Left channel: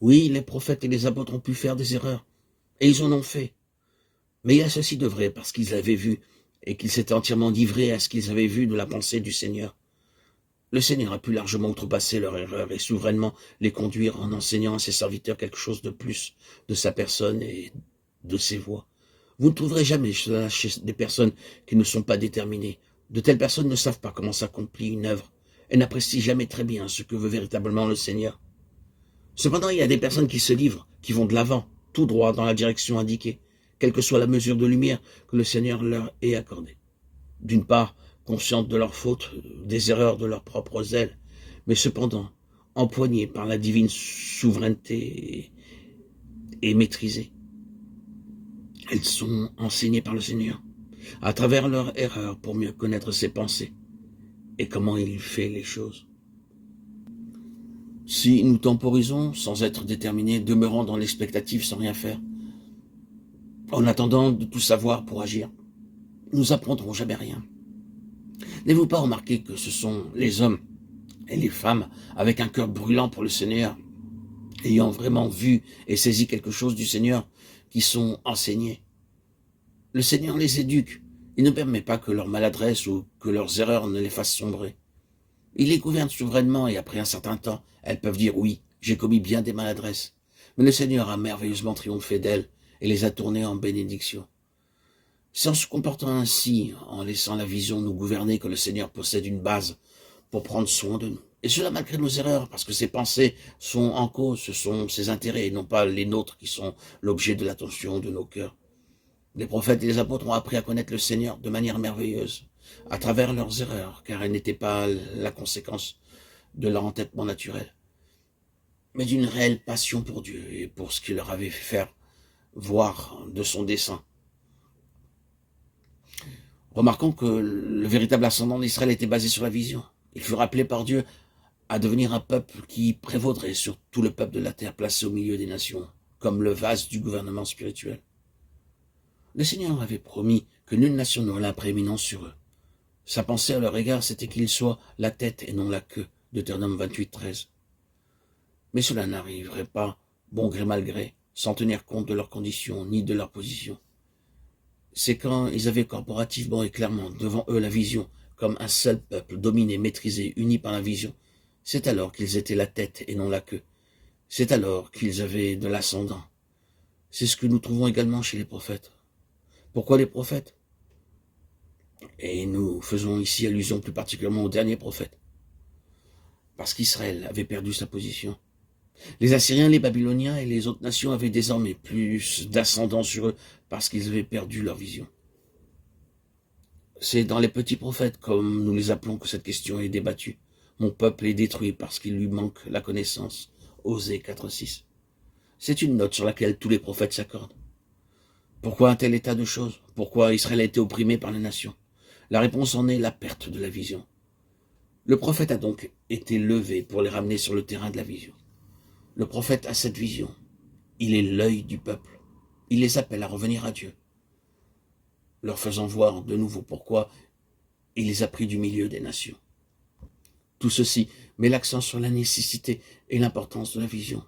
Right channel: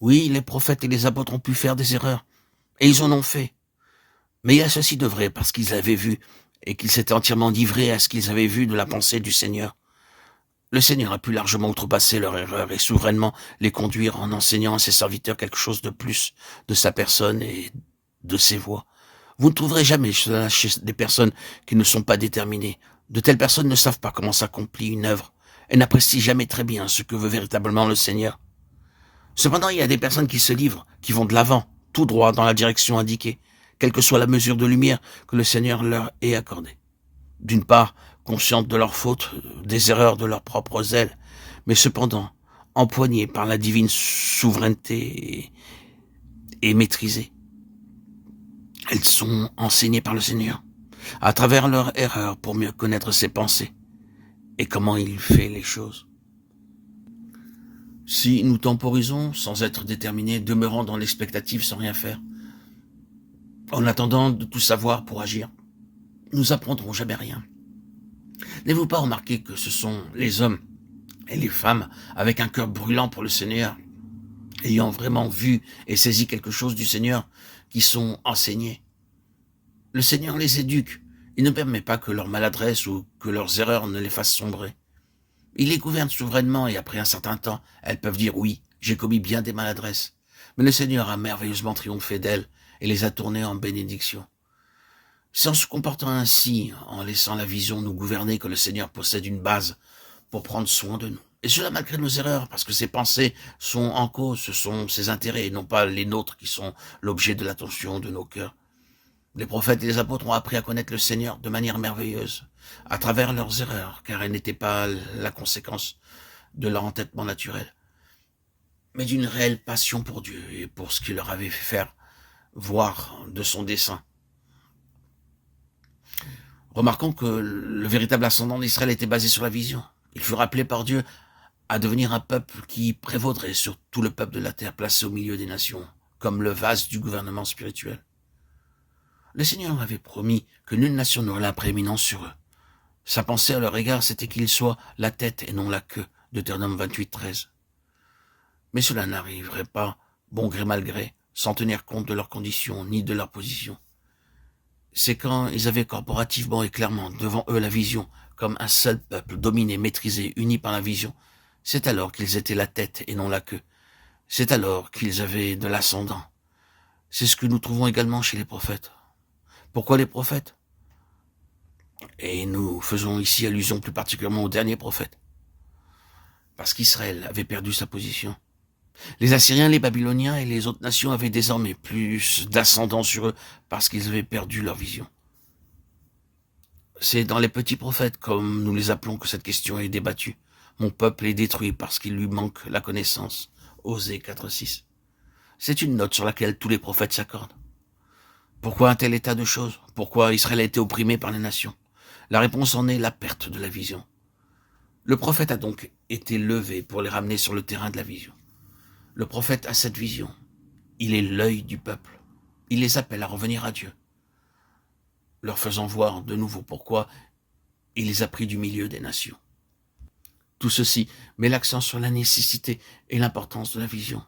Oui, les prophètes et les apôtres ont pu faire des erreurs, et ils en ont fait. Mais il y a ceci de vrai, parce qu'ils avaient vu, et qu'ils s'étaient entièrement livrés à ce qu'ils avaient vu de la pensée du Seigneur. Le Seigneur a pu largement outrepasser leur erreur et souverainement les conduire en enseignant à ses serviteurs quelque chose de plus de sa personne et de ses voies. Vous ne trouverez jamais cela chez des personnes qui ne sont pas déterminées. De telles personnes ne savent pas comment s'accomplit une œuvre. Elles n'apprécient jamais très bien ce que veut véritablement le Seigneur. Cependant, il y a des personnes qui se livrent, qui vont de l'avant, tout droit dans la direction indiquée, quelle que soit la mesure de lumière que le Seigneur leur ait accordée. D'une part, conscientes de leurs fautes, des erreurs de leur propre zèle, mais cependant, empoignées par la divine souveraineté et maîtrisées. Elles sont enseignées par le Seigneur, à travers leurs erreurs pour mieux connaître ses pensées et comment il fait les choses. Si nous temporisons sans être déterminés, demeurant dans l'expectative sans rien faire, en attendant de tout savoir pour agir, nous apprendrons jamais rien. N'avez-vous pas remarqué que ce sont les hommes et les femmes avec un cœur brûlant pour le Seigneur, ayant vraiment vu et saisi quelque chose du Seigneur, qui sont enseignés? Le Seigneur les éduque. Il ne permet pas que leur maladresse ou que leurs erreurs ne les fassent sombrer. Il les gouverne souverainement et après un certain temps, elles peuvent dire oui, j'ai commis bien des maladresses. Mais le Seigneur a merveilleusement triomphé d'elles et les a tournées en bénédiction. C'est en se comportant ainsi, en laissant la vision nous gouverner, que le Seigneur possède une base pour prendre soin de nous. Et cela malgré nos erreurs, parce que ses pensées sont en cause, ce sont ses intérêts et non pas les nôtres qui sont l'objet de l'attention de nos cœurs. Les prophètes et les apôtres ont appris à connaître le Seigneur de manière merveilleuse, à travers leurs erreurs, car elles n'étaient pas la conséquence de leur entêtement naturel, mais d'une réelle passion pour Dieu et pour ce qu'il leur avait fait faire voir de son dessein. Remarquons que le véritable ascendant d'Israël était basé sur la vision. Il fut rappelé par Dieu à devenir un peuple qui prévaudrait sur tout le peuple de la terre, placé au milieu des nations, comme le vase du gouvernement spirituel. Le Seigneur avait promis que nulle nation n'aurait la prééminence sur eux. Sa pensée à leur égard, c'était qu'ils soient la tête et non la queue, Deutéronome 28, 13. Mais cela n'arriverait pas, bon gré mal gré, sans tenir compte de leurs conditions ni de leur position. C'est quand ils avaient corporativement et clairement devant eux la vision, comme un seul peuple, dominé, maîtrisé, uni par la vision, c'est alors qu'ils étaient la tête et non la queue. C'est alors qu'ils avaient de l'ascendant. C'est ce que nous trouvons également chez les prophètes. Pourquoi les prophètes? Et nous faisons ici allusion plus particulièrement aux derniers prophètes. Parce qu'Israël avait perdu sa position. Les Assyriens, les Babyloniens et les autres nations avaient désormais plus d'ascendant sur eux parce qu'ils avaient perdu leur vision. C'est dans les petits prophètes, comme nous les appelons, que cette question est débattue. Mon peuple est détruit parce qu'il lui manque la connaissance. Osée 4.6. C'est une note sur laquelle tous les prophètes s'accordent. Pourquoi un tel état de choses? Pourquoi Israël a été opprimé par les nations? La réponse en est la perte de la vision. Le prophète a donc été levé pour les ramener sur le terrain de la vision. Le prophète a cette vision. Il est l'œil du peuple. Il les appelle à revenir à Dieu, leur faisant voir de nouveau pourquoi il les a pris du milieu des nations. Tout ceci met l'accent sur la nécessité et l'importance de la vision.